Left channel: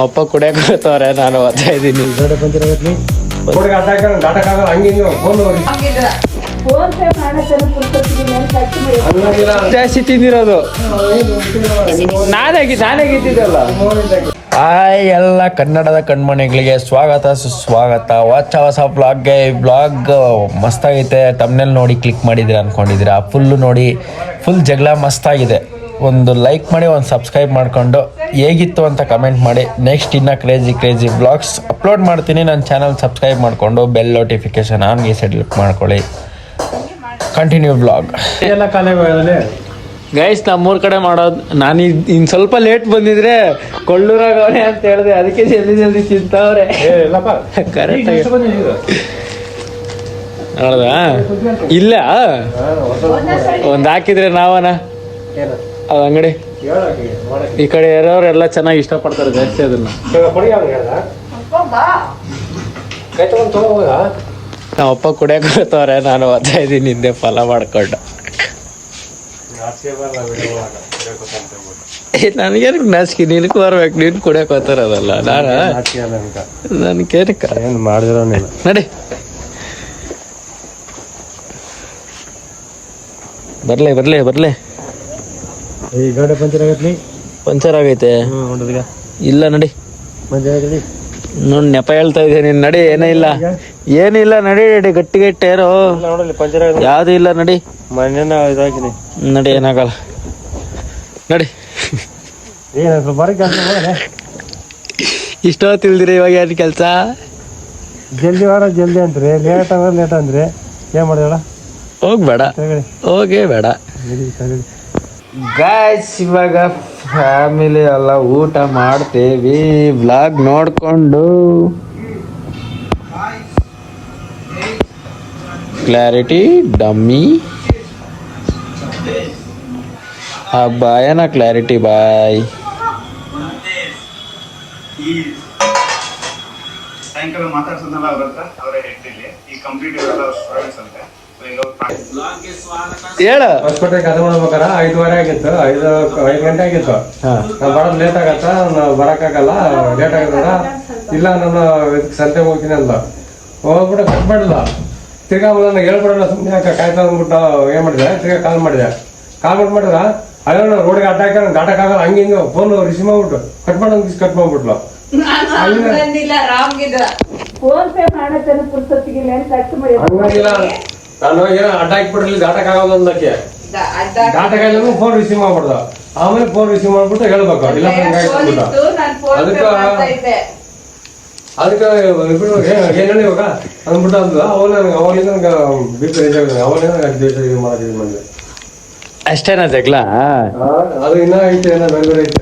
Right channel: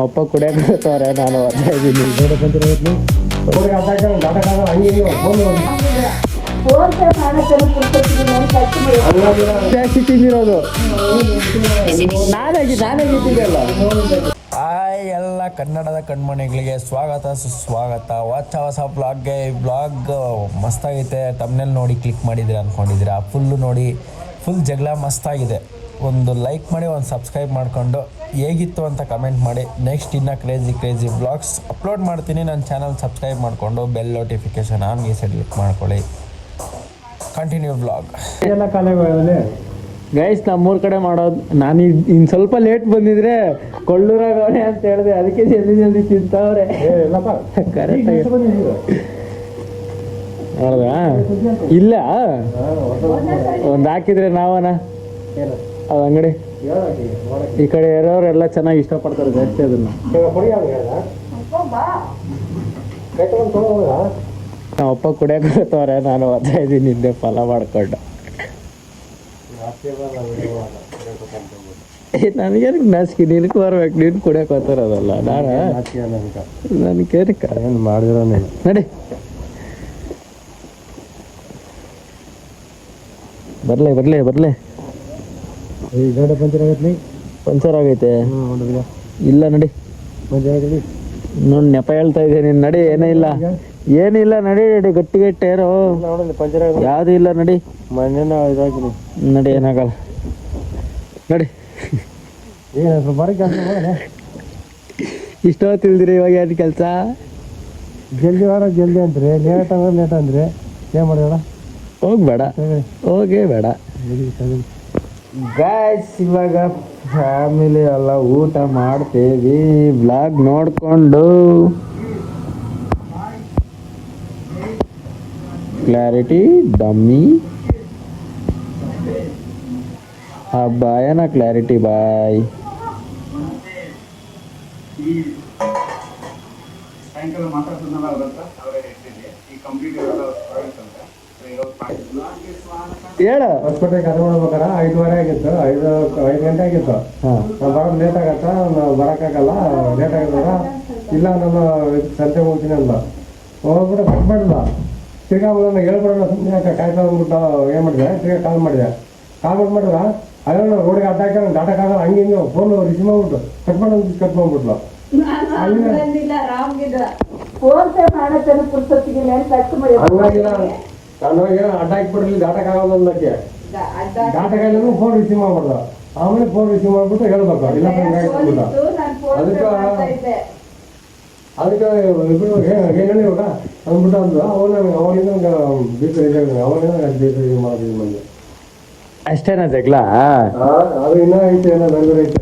ಅಪ್ಪ ಕುಡಿಯಕ್ಕೆ ಬರ್ತಾವ್ರೆ, ನಾನು ಓದ್ತಾ ಇದ್ದೀನಿ. ಜಾಸ್ತಿ ತಿಂದಿರೋದು ನಾನೇ ಗೆದ್ದಿದ್ದಲ್ಲ. ಹಾಯ್ ಎಲ್ಲ ಕನ್ನಡದ ಕಣ್ಮಣಿಗಳಿಗೆ ಸ್ವಾಗತ ಸುಸ್ವಾಗತ. ಹೊಸ ಬ್ಲಾಗ್ಗೆ. ಈ ಬ್ಲಾಗ್ ಮಸ್ತಾಗೈತೆ. ತಮ್ನೆಲ್ ನೋಡಿ ಕ್ಲಿಕ್ ಮಾಡಿದ್ದೀರಾ ಅಂದ್ಕೊಂಡಿದ್ದೀರಾ. ಫುಲ್ಲು ನೋಡಿ, ಫುಲ್ ಜಗಳ ಮಸ್ತಾಗಿದೆ. ಒಂದು ಲೈಕ್ ಮಾಡಿ, ಒಂದು ಸಬ್ಸ್ಕ್ರೈಬ್ ಮಾಡಿಕೊಂಡು ಹೇಗಿತ್ತು ಅಂತ ಕಮೆಂಟ್ ಮಾಡಿ. ನೆಕ್ಸ್ಟ್ ಇನ್ನೂ ಕ್ರೇಜಿ ಬ್ಲಾಗ್ಸ್ ಅಪ್ಲೋಡ್ ಮಾಡ್ತೀನಿ. ನನ್ನ ಚಾನಲ್ ಸಬ್ಸ್ಕ್ರೈಬ್ ಮಾಡಿಕೊಂಡು ಬೆಲ್ ನೋಟಿಫಿಕೇಶನ್ ಆನ್ಗೆ ಸೆಟ್ ಮಾಡ್ಕೊಳ್ಳಿ. ಕಂಟಿನ್ಯೂ ಬ್ಲಾಗ್ ಎಲ್ಲ ಕಾಲೇ ಗೈಸ್. ನಮ್ಮೂರ ಕಡೆ ಮಾಡೋದು. ನಾನು ಇನ್ನು ಸ್ವಲ್ಪ ಲೇಟ್ ಬಂದಿದ್ರೆ ಕೊಳ್ಳೂರಾಗವ್ರೆ ಅಂತ ಹೇಳಿದೆ, ಅದಕ್ಕೆ ಜಲ್ದಿ ತಿಂತವ್ರೆ. ಕರೆಕ್ಟ್ ನೋಡ್ದ ಇಲ್ಲ ಒಂದು ಹಾಕಿದ್ರೆ ನಾವನ ಅದು ಅಂಗಡಿ ಈ ಕಡೆ ಇರೋರೆಲ್ಲ ಚೆನ್ನಾಗಿ ಇಷ್ಟಪಡ್ತಾರೆ ಜಾಸ್ತಿ ಅದನ್ನ. ನಮ್ಮಪ್ಪ ಕುಡಿಯಕ್ಕೆ ಬರ್ತಾವ್ರೆ, ನಾನು ಓದ್ತಾ ಇದ್ದೀನಿ ಹಿಂದೆ ಫಾಲೋ ಮಾಡ್ಕೊಂಡು. ನನಗೇನು ನಾಚಿಕೆ, ನಿನಗೂ ಬರ್ಬೇಕು, ನೀನು ಕುಡಿಯಕ್ಕೆ ಹೋಗ್ತಾರದಲ್ಲ. ನನಗೇನಕ್ಕ ಏನು ಮಾಡಿದ್ರು ನಡಿ ಬರ್ಲೆ ಈ ಗಾಡಿ ಪಂಚರ್ ಆಗತ್ಲಿ. ಪಂಚರ್ ಆಗೈತೆ ಇಲ್ಲ ನಡಿ. ನೋಡಿ ನೆಪ ಹೇಳ್ತಾ ಇದ್ದೆ ನೀನು. ನಡಿ, ಏನಿಲ್ಲ ನಡಿ ಗಟ್ಟಿಗೆ ಇಟ್ಟೇರೋ. ಪಂಚರ್ ಯಾವ್ದು ಇಲ್ಲ ನಡಿ. ಮನೇನ ಇದಾಕಿನಿ ನಡಿ, ಏನಾಗಲ್ಲ ನಡಿ. ಇಷ್ಟೋ ತಿಳಿದಿರಿ ಇವಾಗ ಏನು ಕೆಲಸ. ಜಲ್ದಿ ಅಂತ್ರಿ, ಲೇಟ್ ಅಂದ್ರೆ ಏನ್ ಮಾಡಿದಳ. ಹೋಗೇ ಬೇಡ ಗಾಯ್ಸ್. ಇವಾಗ ಫ್ಯಾಮಿಲಿ ಎಲ್ಲ ಊಟ ಮಾಡ್ತೇವಿ ವ್ಲಾಗ್ ನೋಡ್ಕೊಂಡು. ಕ್ಲಾರಿಟಿ ಡಮ್ಮಿ ಬಾಯನ ಕ್ಲಾರಿಟಿ ಬಾಯ್. ಸಾಯಂಕಾಲ ಮಾತಾಡ್ಸೋದಲ್ಲ ಅವರೇ ಹೇಳ್ತಿಲ್ಲ. ಈ ಕಂಪ್ಲೀಟ್ ಸ್ಟೂಡೆಂಟ್ಸ್ ಅಂತ ಹೇಳ ಹೊಸಕೋಟೆಗೆ ಅದು ಮಾಡ್ಬೇಕಾರ 5:15 ಆಗಿತ್ತು. 5 ಗಂಟೆ ಆಗಿತ್ತು. ನಾವು ಬರೋದು ಲೇಟ್ ಆಗತ್ತ, ನಾವು ಬರೋಕ್ಕಾಗಲ್ಲ, ಲೇಟ್ ಆಗತ್ತಲ್ಲ. ಇಲ್ಲ ನಾನು ಸಂತೆ ಹೋಗ್ತೀನಿ ಅಂದ. ಹೋಗ್ಬಿಟ್ಟು ಕಟ್ ಮಾಡಿಲ್ಲ. ತಿರ್ಗಾ ನಾನು ಹೇಳ್ಬಿಡೋಣ ಸುಮ್ಮನೆ ಯಾಕೆ ಕಾಯ್ತಾ ಅಂದ್ಬಿಟ್ಟು ಏನು ಮಾಡಿದೆ, ತಿರ್ಗಾ ಕಾಲ್ ಮಾಡಿದ್ರೆ ಅಯ್ಯೋ ನಾವು ರೋಡಿಗೆ ಅಡ್ಡ ಹಾಕಿ ನಾನು ದಾಟಕ್ಕಾಗಲ್ಲ, ಹಂಗೆ ಫೋನ್ ರಿಸೀವ್ ಮಾಡ್ಬಿಟ್ಟು ಕಟ್ ಮಾಡ್ಬಿಟ್ಲು. ನಾನು ಏನೋ ಅಡ್ಡ ಹಾಕ್ಬಿಟ್ರಲ್ಲಿ ದಾಟಕ್ಕಾಗಲ್ಲ ಅಂದಕ್ಕೆ. ದಾಟಕ್ಕಾಗಲ್ಲ ಫೋನ್ ರಿಸೀವ್ ಮಾಡ್ಬಿಡ್ದ. ಆಮೇಲೆ ಫೋನ್ ರಿಸೀವ್ ಮಾಡ್ಬಿಟ್ಟು ಹೇಳ್ಬೇಕು, ಇಲ್ಲ ಅದಕ್ಕೆ ಏನೇಳಿ ಇವಾಗ ಅಂದ್ಬಿಟ್ಟು ಅಂದ್ಲು. ಅವಾಗಲಿಂದ ನನಗೆ BP ರೇಜ್ ಆಗಿದೆ. ಅವಾಗಲೇ ಮಾಡಿದ್ವಿ. ಅಷ್ಟೇನಾ ಜಗ್ಲ? ಅದು ಇನ್ನೂ ಐತೆ, ಏನೋ ಬೇರೆ ಐತೆ.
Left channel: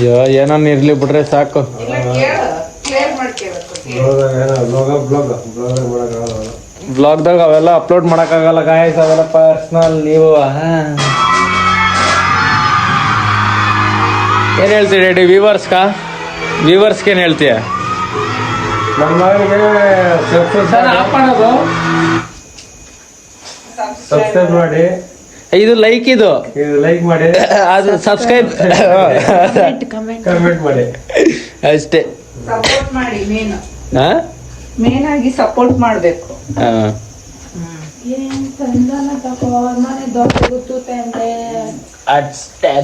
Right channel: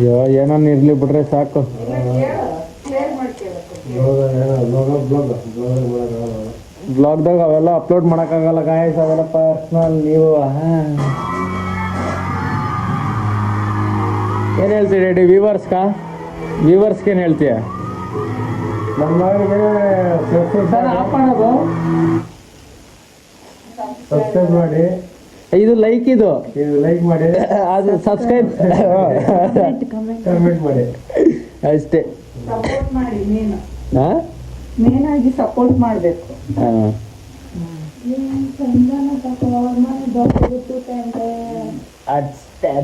ಅಯ್ಯೋ ಏನೋ ಇರ್ಲಿ ಬಿಡ್ರೆ ಸಾಕು. ಬ್ಲಾಗ್ದಾಗ ಅವೆಲ್ಲ ಅಪ್ಲೋಡ್ ಮಾಡಕ್ಕಾಗಲ್ಲ ಗಾಯ್ಸ್, ಅವೆಲ್ಲ ಪರ್ಸ್ನಲ್. ನೀವು ಏನ್ ಹೇಳ್ತೀರಿ ರೆಡಿ ವ್ಯೂವರ್ಸ್ಗೆ ಏನ್ ಹೇಳ್ತೀಯ? ನಮ್ಮ ಮಗನಿಗೆ ಸಬ್ಸ್ಕ್ರೈಬ್ ಮಾಡಿ. ಇದು ಲೈಕ್ ಮಾಡಿ, ಅದು ಸಬ್ಸ್ಕ್ರೈಬ್ ಕಮೆಂಟ್ ಮಾಡಿ ಅಷ್ಟೇ. ಸಪೋರ್ಟ್ ಮಾಡಿ. ಮೇನ್ ಆಗಿ ಸಪೋರ್ಟ್ ಮಾಡಬೇಕು.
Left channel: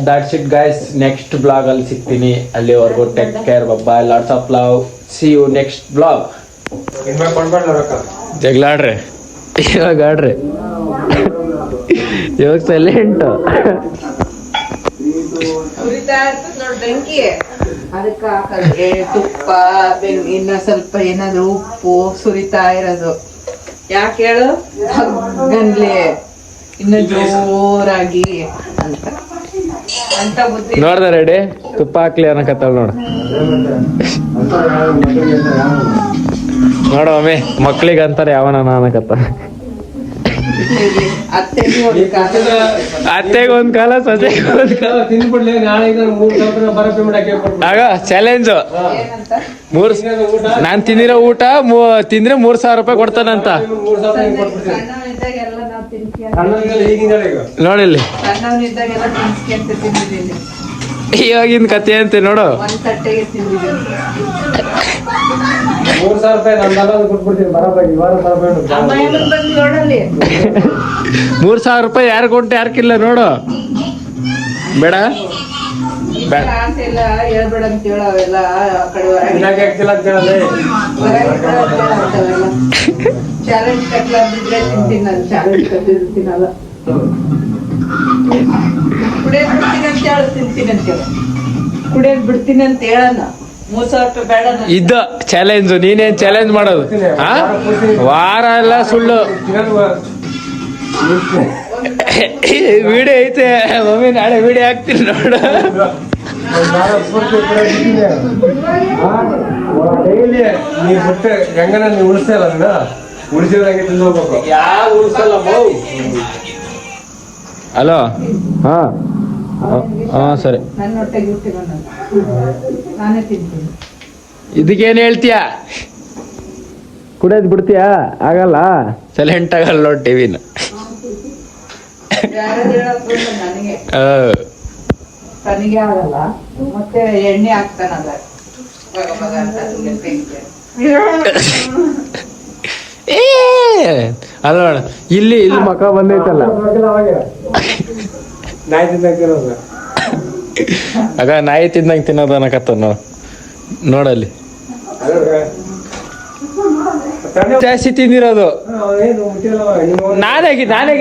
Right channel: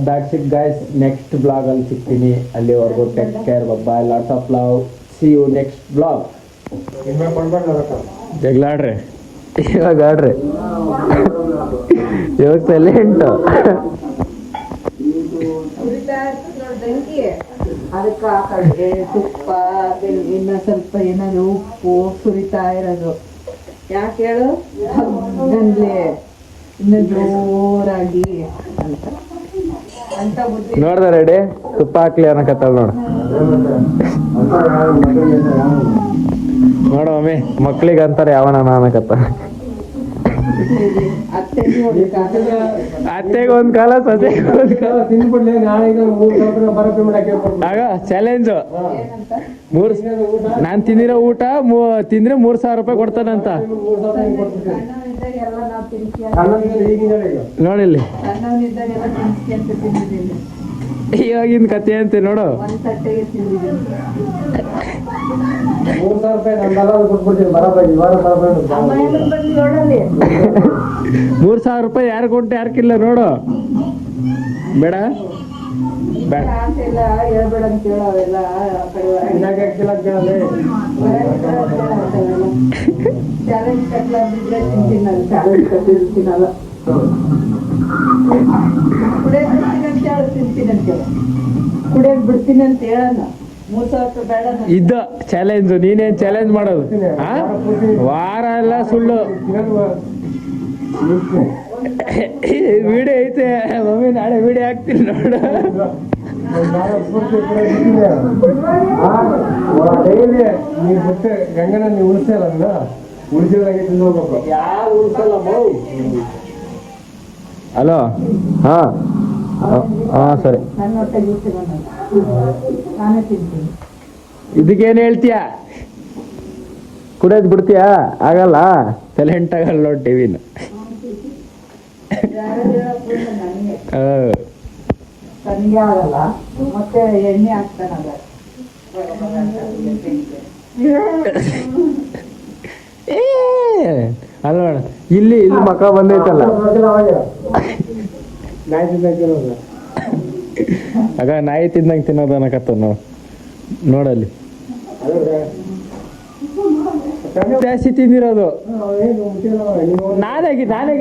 That's it guys. Next blog ಅಲ್ಲಿ ಸಿಗ್ತೀನಿ. ಅಲ್ಲಿವರೆಗೂ take care, bye, lots of love. See you next blog. ಜಗಳಾಡ್ರಿ ಇವಾಗ ಆಡ್ರಿ. ಇವಾಗ ಸೈಲೆಂಟ್. ಅದಕ್ಕೆ ಹಾಕಲ್ಗೆ ತುಪ್ಪ, ಇನ್ನ ಸ್ವಲ್ಪ ಏನಾದ್ರು ಉಪ್ಪು ಸುರಿತಾ ಇರೋದು. ಯಾಕೆ ಹೇಳು, ಹಗ್ಗನ್ಲೆ ಇನ್ನು ಜೋರಾಗಿ ಅಂತ ಬುದ್ಧಿ. ನೋಡ್ದ ರೆಡಿ ತುಪ್ಪ ಹಾಕ್ಲಿ ಅನ್ನಕತ್ತಾಳ ನೋಡ. ನೋಡಮ್ಮಿ ಮಕ್ಳಿಗೆ ಅಂತಾರೆ ಯಾವನ ಅನ್ನಕತ್ತ. ಅತ್ತೆಗೆ ಒಂದ್ ಕಾಲ ಸೊಸೆಗೆ ಒಂದ್ ಕಾಲ ತಿಂದ್ಬಿಡ್ಲಿ. ನಾಳೆ ಆಗ ಚಾಲೆಂಜ್. ನಾನ್ ತಿಂದಿರೋ ಊಟ ತಿಂದ್ರೆ 3,000 ರೂಪಾಯಿ ಕೊಡ್ತಾನಂತ. ಸಣ್ಣವ್ರಿಗೆಲ್ಲ ಈಗಿನ ಈಗ ನೋಡಿಲ್ಲಿ ಸಣ್ಣವನಿದ್ದಾಗೆಲ್ಲ ತಿನ್ಸ್ಕೊಂತ ತಿಂದಿದ್ದೀನಿ. ಇವಾಗಿನ ಕತೆ ಅಂತೆ ನೋಡು. ಒಂದ್ ತಟ್ಟೆಗೆ ತಿಂದಿದ್ದೀನಿ. 3,000 ರೂಪಾಯಿ ನಂದೆಲ್ಲ ಕೊಟ್ಬಿಡ್ತೀನಿ ಬರಾಬರಿ ಈ ವಾರ ಬರಬೇಡ. ಅಮ್ಮ ಏನಕ್ಕೆ ಬಂದು ನೋಡಲ್ಲಿ 3,000 ರೂಪಾಯಿ ಯಾರು ಕೊಟ್ಟು ಯಾರ್ಕಿಲ್ಲ ನೋಡು. ಬೇಡ ಬೇಡ ಆಸೆ ಎಲ್ಲ ಹೇಳ್ಬೇಡ ಅಂತ ಹೇಳ ಅವೆಲ್ಲ ಆ ಕಡೆ ಇನ್ನಾಗೆ ಆಗ್ತಿಲ್ಲ ಅಂತ ಹೇಳಲ್ಲ. ಚಾಲೆಂಜ್ ಕಟ್ಲಾದಿದ್ರೆ ತಿಂತೀನಿ ನಾನು. ಚಾಲೆಂಜ್ ಕಟ್ಟಿರ್ತೀನಲ್ಲ ಕುಡಿಯೋದ್ ಬಿಡ್ತೀನಿ ಅಂತ ಹೇಳು. ತಿಂತೀನಿ ಅಂತ ಹೇಳು. ಕುಡಿಯೋದ್ ಬಿಡ್ತೀನಿ ಅಂತ ಹೇಳಣ್ಣ. 3,000 ರೂಪಾಯಿ ಬೇಡ ನಾನು. ಇದ್ದ ಚಾಲೆಂಜ್. ನೀನೇನ್ ಚಾಲೆಂಜ್ ಮಾಡೋದು? ಆ ವಾರ ಎಲ್ಲ ಸುಳ್ಳು. ವಿಡಿಯೋ ಐತೆ ಮಮ್ಮಿ, ನಾಳೆ ವಿಡಿಯೋ ಹಾಕ್ತೀನಿ ನೋಡು. ಡೈಲಿ ನೀವ್ ಬಿಟ್ಟು ಹೆಂಗನ ನೀವು ಉಳಿಸ್ತಲ್ಲ ಅದನ್ನ ಉಳಿಸಿದಂಗೆ ತಿಂದು ಹೋಗ್ಬೇಕು. ಯಾರು ಉಳಿಸಲ್ಲ. ಹಲೋ. ಹಾ ಹಾ ಸರಿ. ನನ್ನ ಹೊಟ್ಟೆಗೆ ಇರ್ತೀರ ನಾನೇ ತಿಂತೀನಿ. ಇದಕ್ಕೇನು ಹೇಳ್ತೀಯ? ಕುಡಿಯೋದು ಬಿಡ್ತೀಯಾ? ಆಗಲ್ಲ. ಸೈಲೆಂಟ್ ಆಗಲ್ಲ ನೋಡಿ ಟಿವಿನ. ಯಾರು ಹೇಳೋದು ನನಗೆ ನನಗೆ ಆಗಲ್ಲ. ಮತ್ತೆ ಎಣ್ಣೆ ಹಾಕ್ತಾನಲ್ಲ ಮಗ ಮಗ ಅಂತ ನನಗೆ ಬೆಂಕಿ. ಅಲ್ಲ ನೋಡ, ಇಲ್ಲಿ ಇಲ್ಲಿ ಮಕ ಬಂದೈತಲ್ಲ. ನಾಯಿ ತಿನ್ನಕ್ ತಿನ್ನೋದು. ಆಗ ನಾಯಿ ತಿಂದಂಗೆ ತಿನ್ನೋದು ಅನ್ನಕತ್ತ ನೋಡಲ್ಲಿ. ಜಾಸ್ತಿ ತಿಂದಿರೋದು ನಾನೇ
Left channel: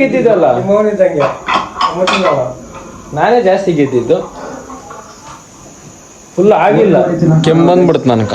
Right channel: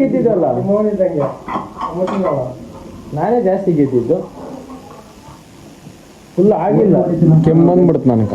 ಗೆದ್ದಿದ್ದಲ್ಲ. ನಿಮ್ಮವನಿದ್ದಂಗೆ ನಾನೇ ಜಾಸ್ತಿ ಗೆದ್ದಿದ್ದು. ಫುಲ್ ಆಗಿಲ್ಲ, ಕೆಮ್ಮು ಬಂದ್ಬಿಡ್ತು ನನಕ.